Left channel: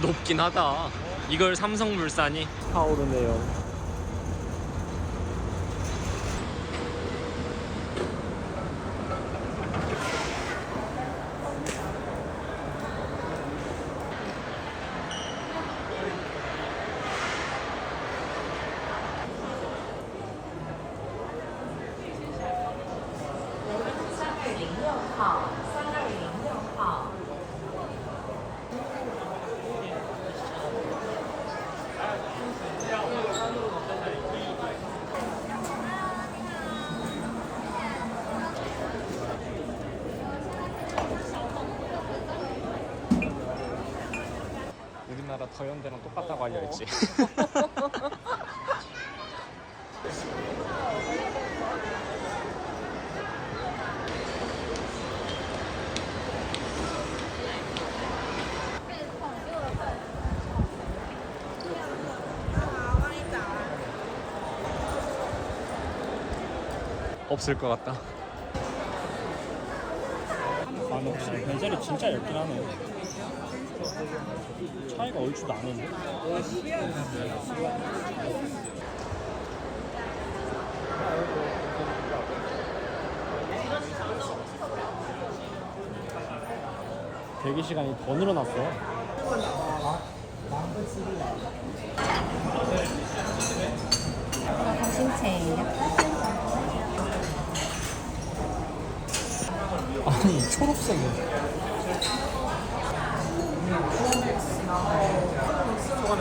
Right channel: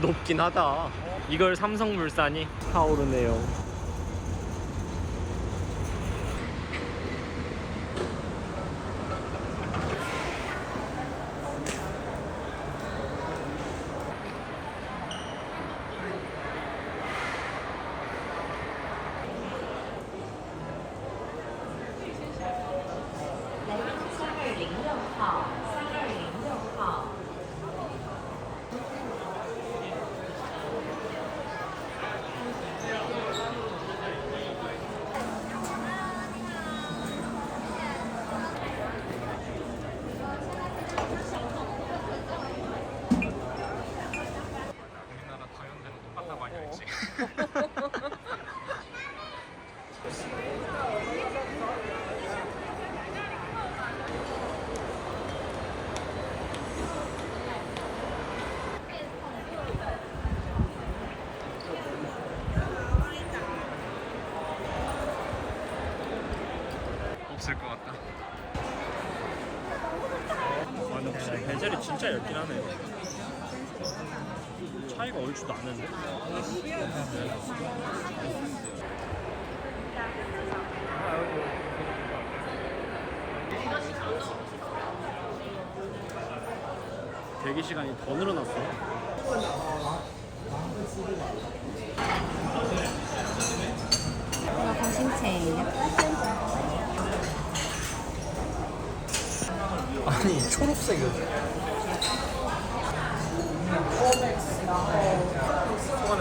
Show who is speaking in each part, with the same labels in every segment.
Speaker 1: 높긴 하다. 이걸 삼성물산이 타오르네요. 더현대랑 똑같다고 알려있지. 없을 것 같다.
Speaker 2: 아 근데 확실히 벤젤이 진짜 얇긴 하네 차이가 얼추도 않은데? 대기 시간이 더 늘어났어요
Speaker 3: 이거 공신채예요.
Speaker 1: 아니 초록색이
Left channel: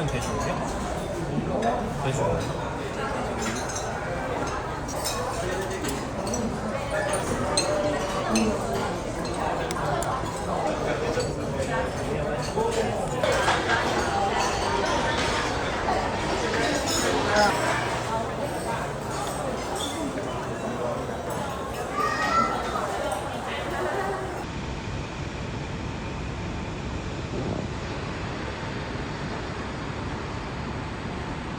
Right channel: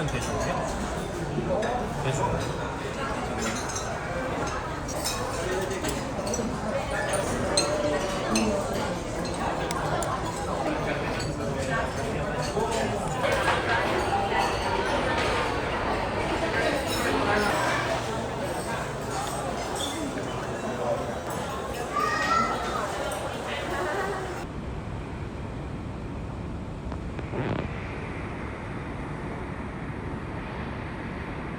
Speaker 2: 초과는 대중이야? 대중